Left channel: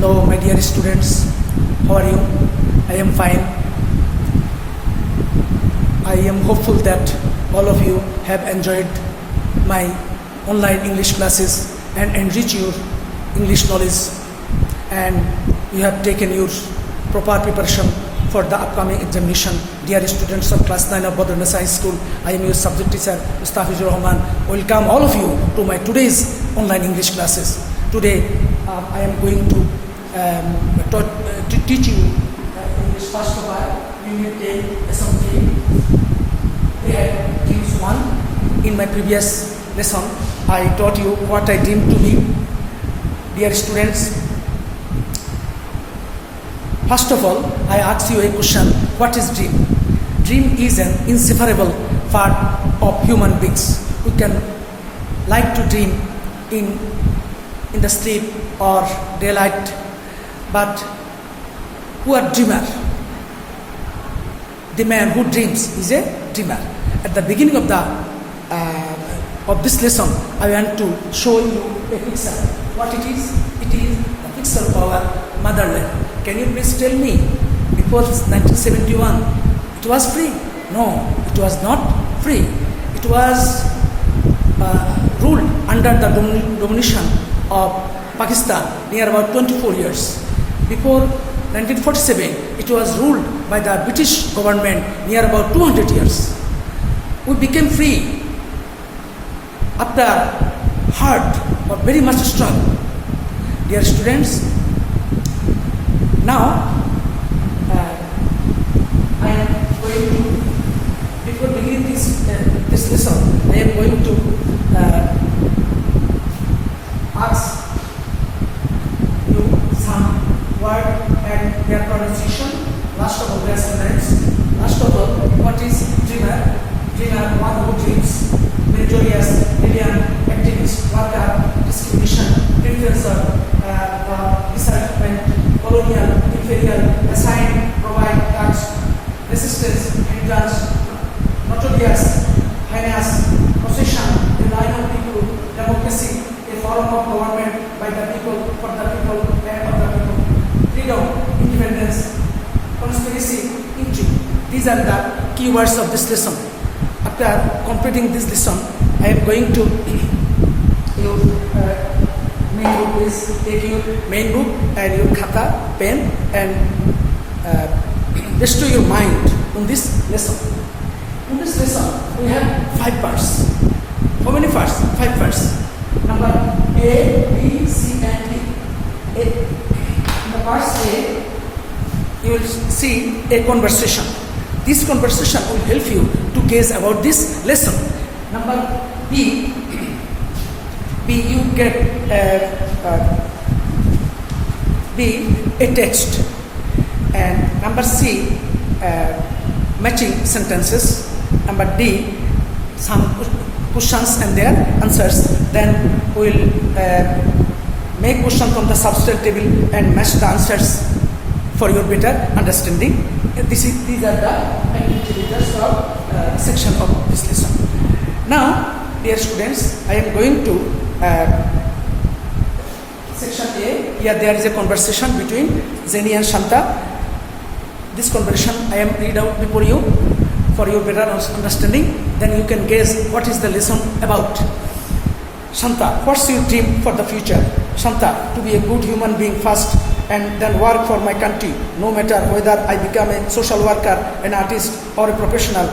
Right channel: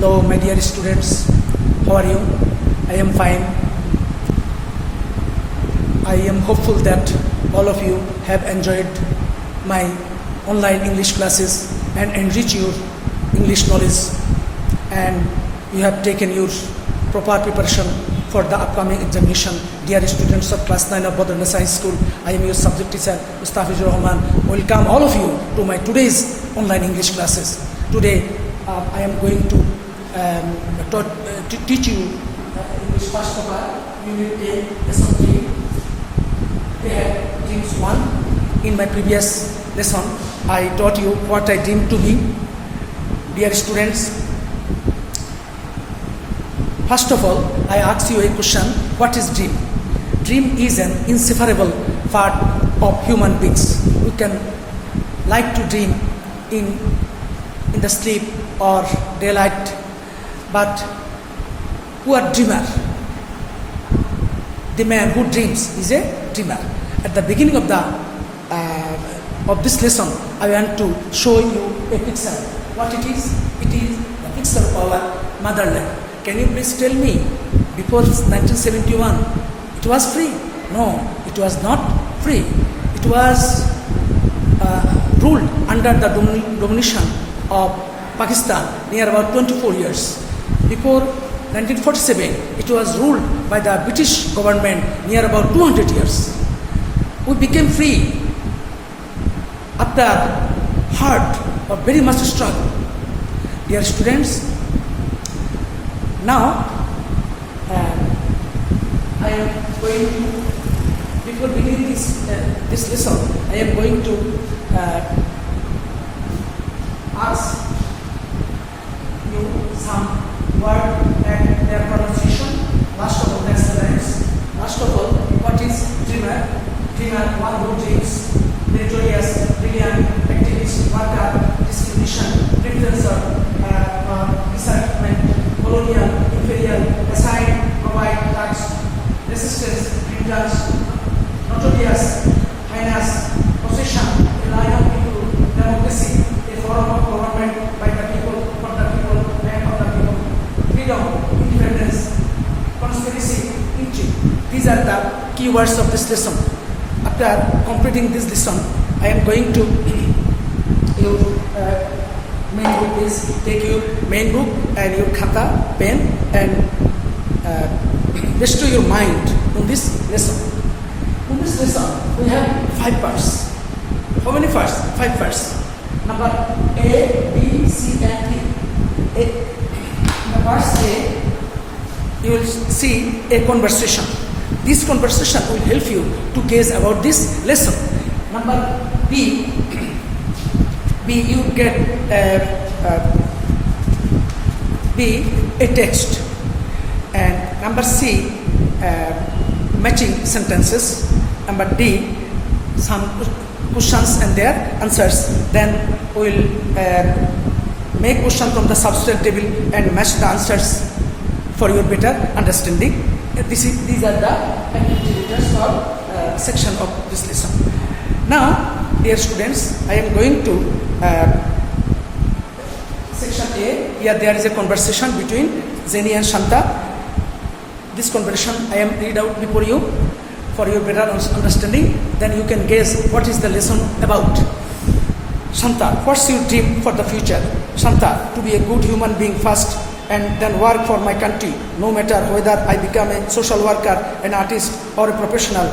Hello, my dear students. How are you? I am fine. I am hopeful that all of you have enjoyed my online English classes and enrich your English knowledge, and you have taken your proper preparation for the upcoming examination. Dear students of class 9 of Badruna Science School, I am your subject teacher, Mustafizur Rahman. Welcome all of you to my today's online English classes. Today, I am going to teach you English first of all. Unit A, lesson 3. They had dreams 1. In my previous lesson, I taught you what I dream to be. Dear students, first of all, I ask you a question. What is dream? Dream is an inseparable part of human beings. We can like to dream in the sleep or daylight, but who are dreamer? The man who dreams is a dreamer. At the beginning of this lesson, I want to show you a picture. What it is? It is the picture of our motherland. Can you please tell me, before 1971, it was free? No, it was not free. It was ruled under the domination of Pakistan near about 24 years. Before 1947, it was ruled by the British government near about 200 years. We became free after hard or very much struggle. Dear students, now I am going to, before beginning this lesson, I am going to ask you some word and their pronunciation. Last of all, their names. Last of all, what is dreamer? Dreamer, one who dreams. Meritorious, brilliant, activist, worker, discrimination, influencer, disarmament, colonial, inferior, assign, provide, touch, resistance, hindrance, notorious, heinous, possession, a line of people, democracy, a form of government by the people, for the people, and of the people, freedom, independence, conspiracy, intrigue. These are the keywords of this lesson. After completing this lesson, I am going to your main book is take your main book and your khata, pen, and bestow your mind on this lesson. In this lesson, we have 5 parts. How many parts? 5 parts. Number A, B, C, and D. In the first A, you will see a conversation. This conversation will help you to gauge about this lesson. Number B, you get a text. And number C, matching sentences. Number D, some questions and their answers. Then we will make question from the substitute table and match the answers for your better understanding. These are the activities of section of this lesson. Now, dear students, I am going to section A. Here there is a conversation between Jenny and Shanta. This conversation I am read out before you for your better understanding. Then you can guess what is the lesson about. Shanta, what's your dream for the future? Shanta, to be a good human being first, and then work for my country, no matter whether I become a social worker, an artist, or a professional.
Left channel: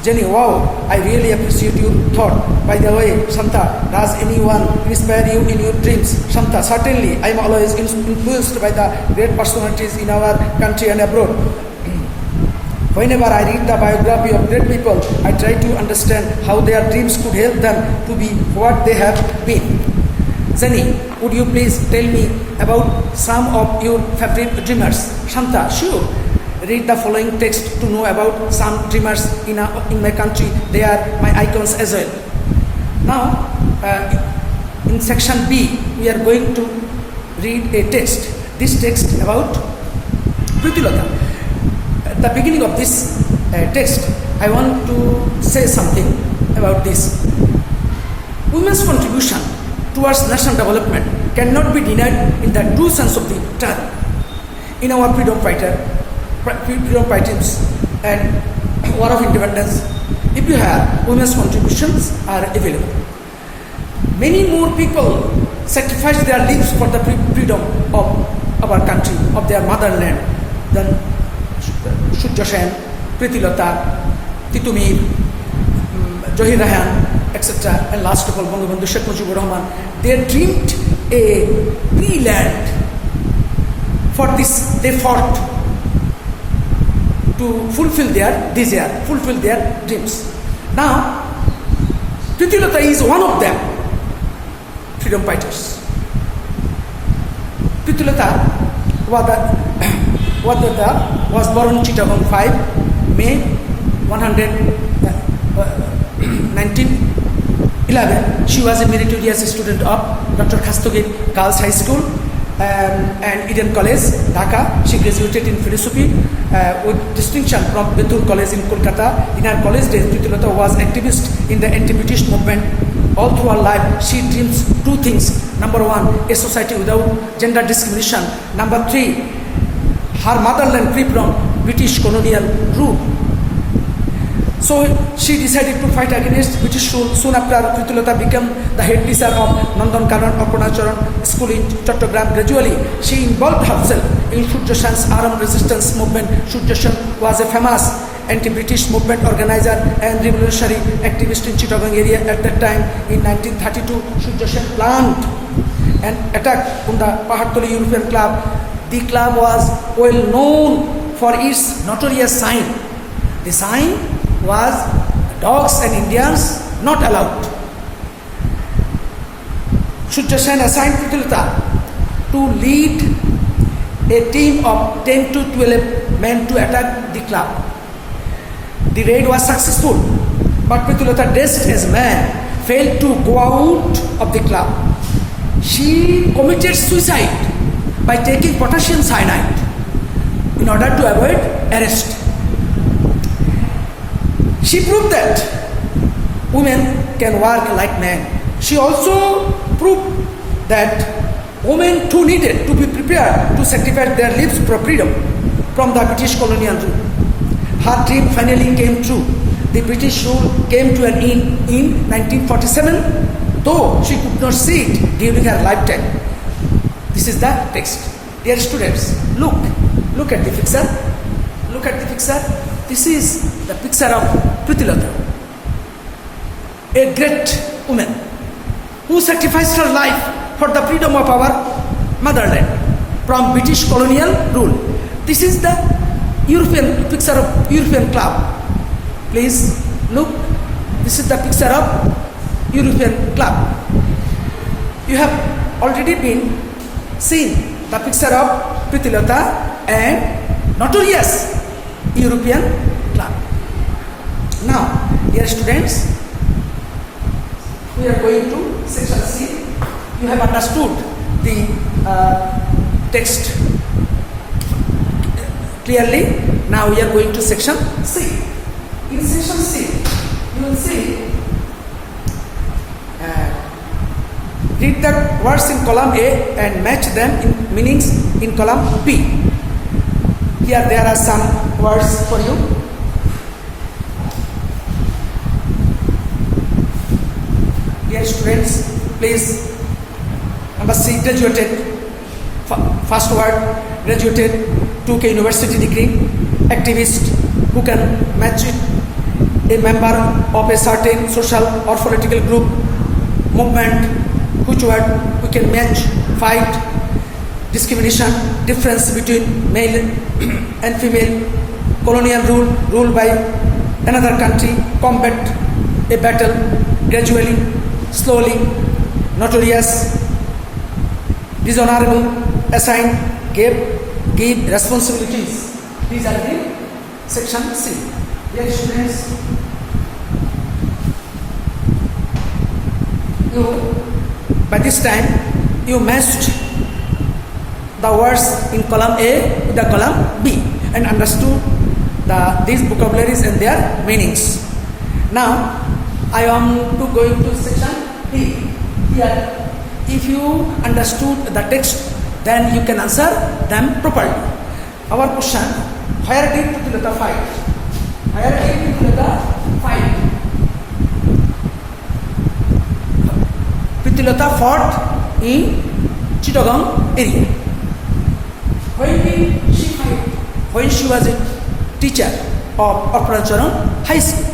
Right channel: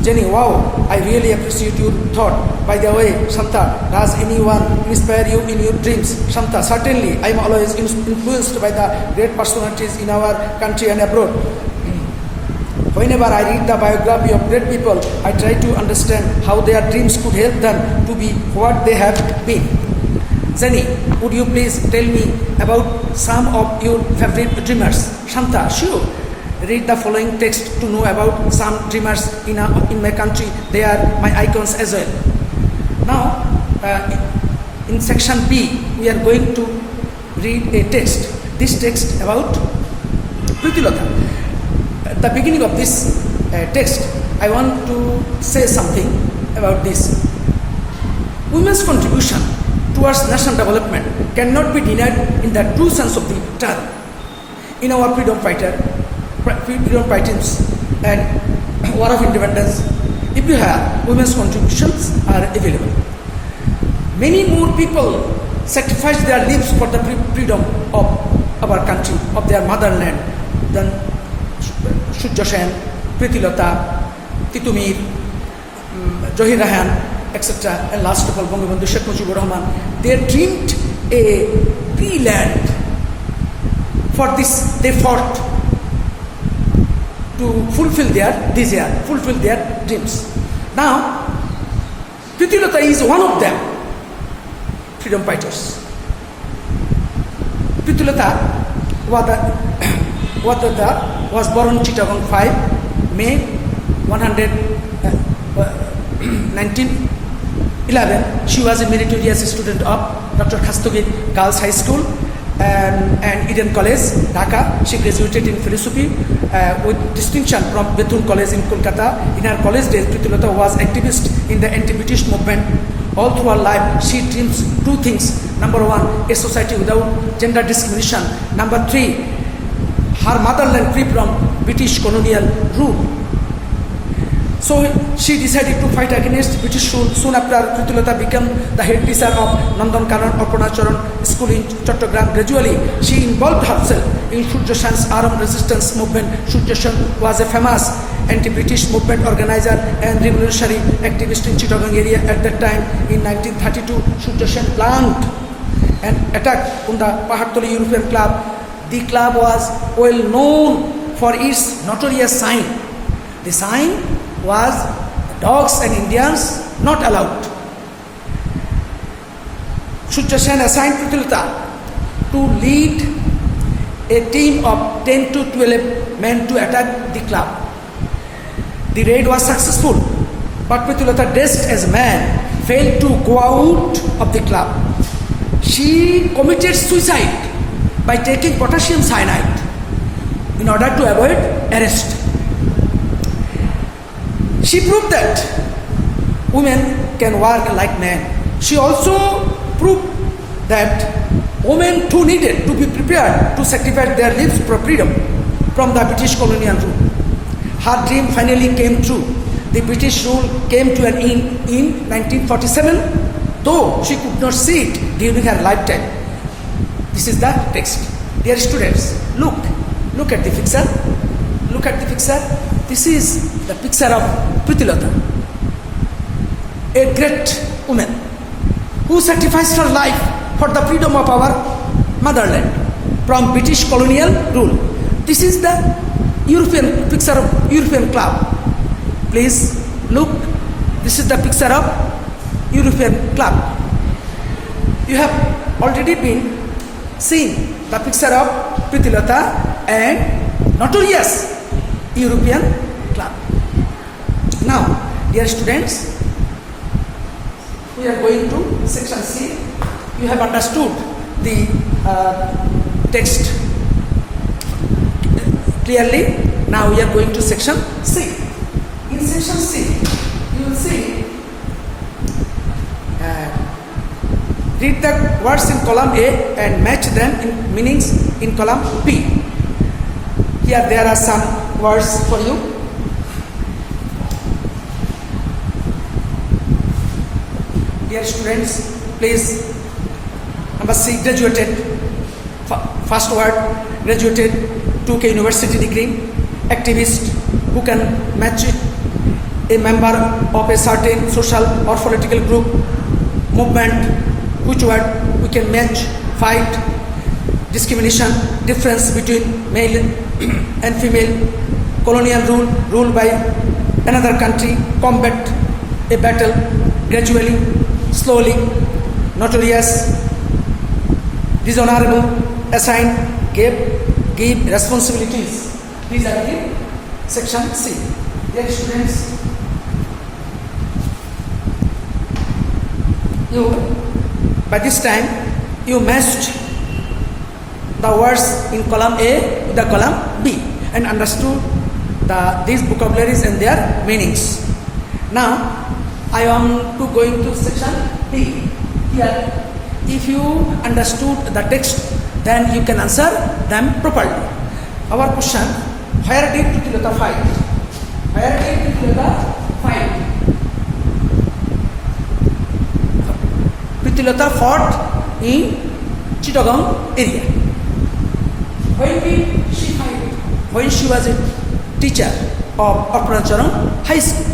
Jenny, wow, I really appreciate your thought. By the way, Shanta, does anyone inspire you in your dreams? Shanta, certainly, I am always influenced by the great personalities in our country and abroad. Whenever I read the biography of great people, I try to understand how their dreams could help them to be what they have been. Jenny, would you please tell me about some of your favorite dreamers? Shanta, sure. Read the following text to know about some dreamers in my country. They are my icons as well. Now, in section B, we are going to read a text. This text about Pritilota. At the beginning of this text, I want to say something about this. Women's contribution towards national development cannot be denied in the true sense of the term. In our freedom fightings and war of independence, if you have, women's contributions are available. Many more people sacrificed their lives for the freedom of our country, of their motherland, than Shurja Sen, Priti Lata, Titumir, Johir Rahan, etc. And last of all, Bangabandhu Sheikh Mujibur Rahman. They dreamed a free land. For this, they fought to fulfill their desire, fulfill their dreams. Now, Priti Lata is one of them, freedom fighters. Priti Lata was born in Chittagong 5, May 1911. She was a meritorious student of Dr. Khastogir Girls High School and Eden College, Dhaka. She graduated in philosophy with distinction from Bethune College in Kolkata. In her college days, Priti Lata was activist in the anti-British movement. All through her life, she dreams two things. Number one, a society without gender discrimination. Number three, her motherland free from British colonial rule. So she decided to fight against British rule. Soon after, Priti Lata became the head teacher of Nandan Karan Arpanacharan School in Chattogram. Gradually, she involved herself in Shurja Sen's armed resistance movement. Shurja Sen was a famous anti-British movement organizer and revolutionary activist in Chittagong area at that time. In 1932, Shurja Sen planned an attack on the Pahartoli European Club. The club was well known for its notorious sign. The sign was dogs and Indians not allowed. Shurja Sen assigned Priti Lata to lead a team of 10 to 12 men to attack the club. The raid was successful, but Priti Lata, dressed as a man, failed to go out of the club. She committed suicide by taking potassium cyanide in order to avoid arrest. She proved that women can work like men. She also proved that women too needed to be prepared to sacrifice their lives for freedom from the British colonial rule. Her dream finally came true. The British rule came to an end in 1947, though she could not see it during her lifetime. This is the text. Dear students, look at the picture. Look at the picture. This is the picture of Priti Lata, a great woman who sacrificed her life for the freedom of our motherland from British colonial rule. This is the European picture of European club. Please look. This is the picture of European club. You have already been seen the picture of Priti Lata and notorious European club. Now, dear students, we are going to section C. You have understood the text clearly. Now we are going to section C. In section C, you will see, read the words in column A and match them in meanings in column B. Here there are some words for you. Dear students, please. Number C, graduated. First word, graduated, took a university degree. Activist, who can match it. A member of a certain social or political group, movement, which word we can match. Fight, discrimination, difference between male and female, colonial rule by another country, combat, a battle, gradually, slowly, notorious, dishonorable, assign, give responsibilities. These are the section C. Dear students, by this time you matched the words in column A with the column B and understood these vocabularies and their meanings. Now I am going to section B. Here If you understood the text, then you can answer them properly. Our question, where did Pritilata fight? Where did Pritilata fight? Pritilata fought in Chittagong area. When did she fight? When she was a teacher of Apuracharam High School.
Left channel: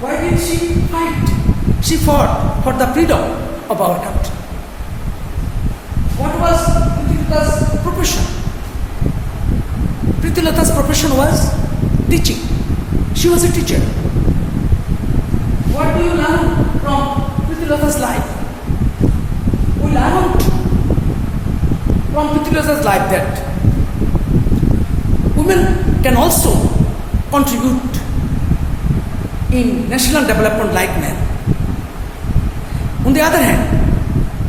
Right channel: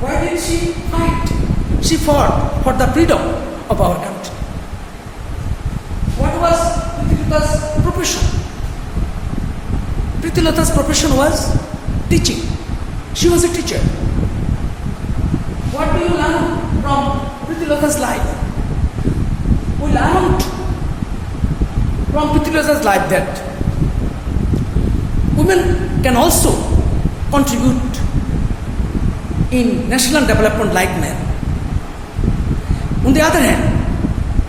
Why did she fight? She fought for the freedom of our country. What was Pritilata's profession? Pritilata's profession was teaching. She was a teacher. What do you learn from Pritilata's life? We learned from Pritilata's life that women can also contribute in national development like men. On the other hand,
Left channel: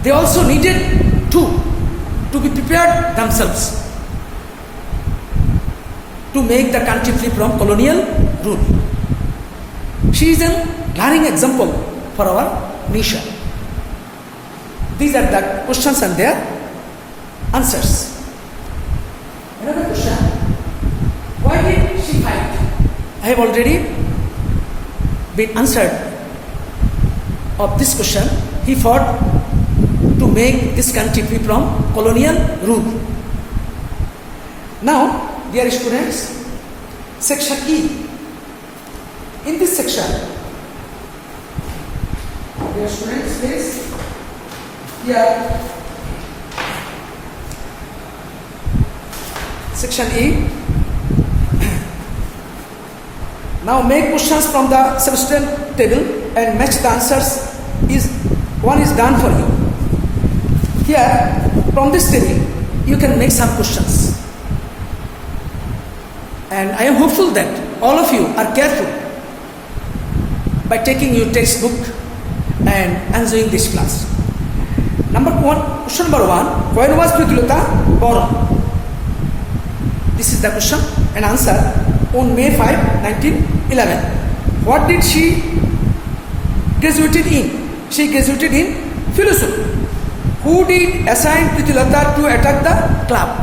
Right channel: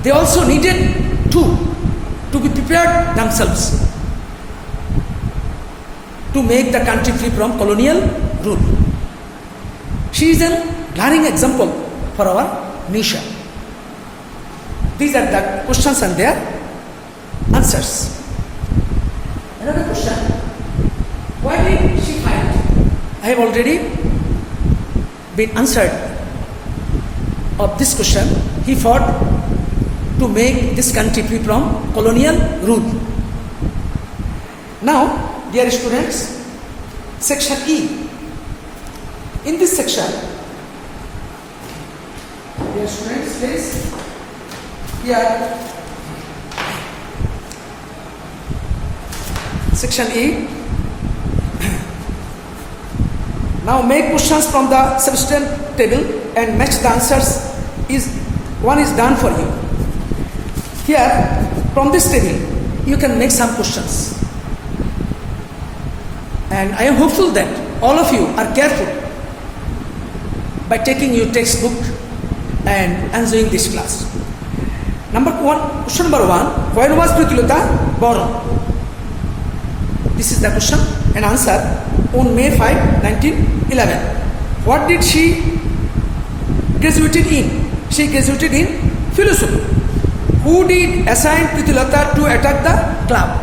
they also needed to be prepared themselves to make the country free from colonial rule. She is a learning example for our nation. These are the questions and their answers. Another question, why did she fight? I have already been answered of this question. He fought to make this country free from colonial rule. Now, dear students, section E. In this section, dear students, please, here, section E. Now make questions from the substituent table and match the answers. One is done for you. Here, from this table, you can make some questions. And I am hopeful that all of you are careful by taking your textbook and enjoying this class. Question number one, when was Pritilata born? This is the question and answer. On May 5, 1911. What did she graduated in? She graduated in philosophy. Who did assign Pritilata to attack the club?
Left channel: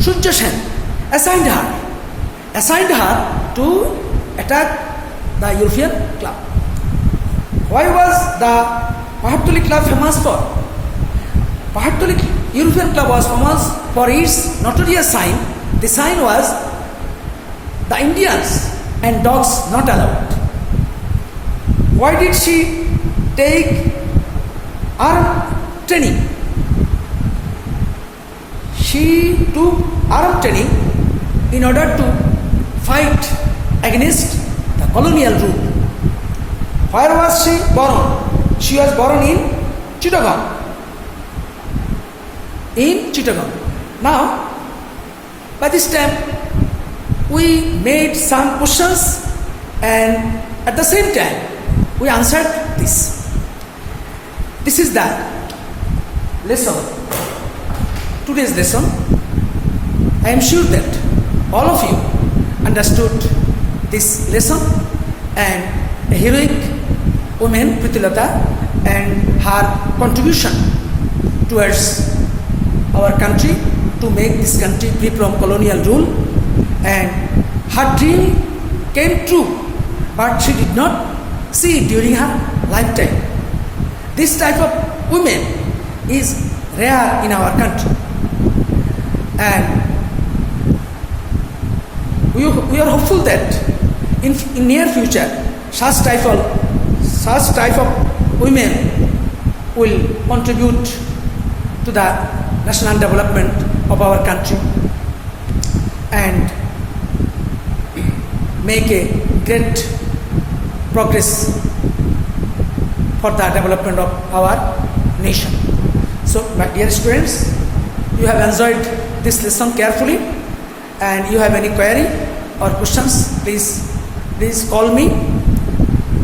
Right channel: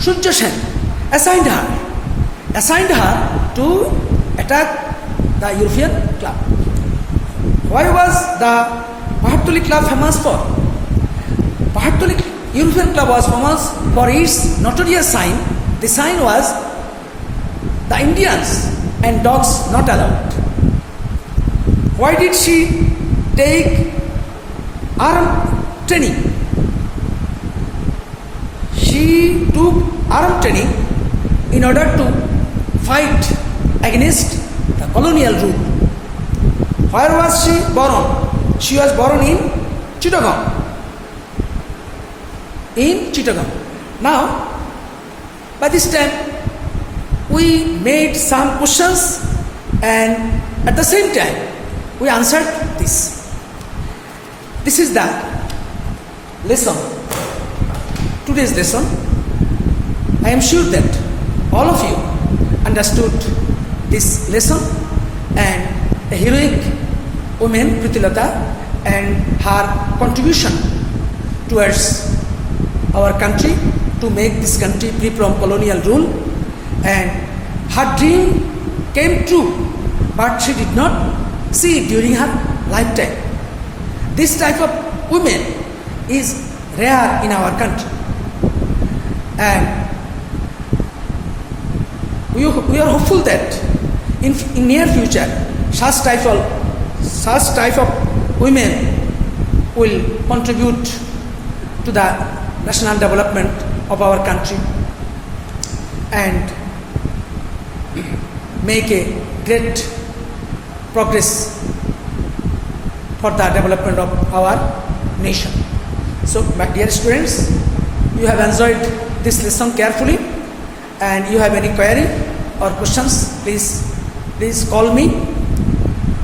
Surya Sen assigned her to attack the European club. Why was the Pahatoli club famous for? Pahatoli European club was famous for its notorious sign. The sign was the Indians and dogs not allowed. Why did she take arm training? She took arm training in order to fight against the colonial rule. Where was she born? She was born in Chittagong. Now, by this time, we made some questions and at the same time we answered this. This is the lesson, today's lesson. I am sure that all of you understood this lesson and a heroic woman Pritilata and her contribution towards our country to make this country free from colonial rule. And her dream came true, but she did not see it during her lifetime. This type of women is rare in our country. And we are hopeful that in near future, such type of women will contribute to the national development of our country and make a great progress for the development of our nation. So, my dear students, you have enjoyed this lesson carefully, and you have any query or questions, please call me.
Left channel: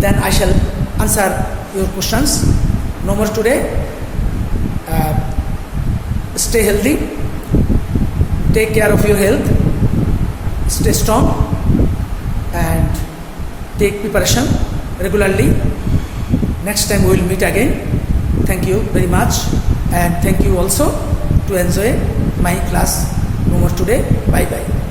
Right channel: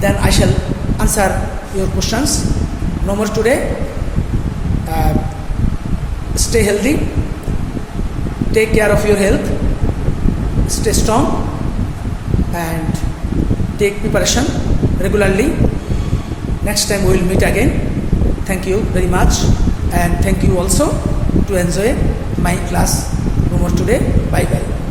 Then I shall answer your questions. No more today. Stay healthy. Take care of your health. Stay strong. And take preparation regularly. Next time we will meet again. Thank you very much, and thank you also to enjoy my class no more today. Bye bye.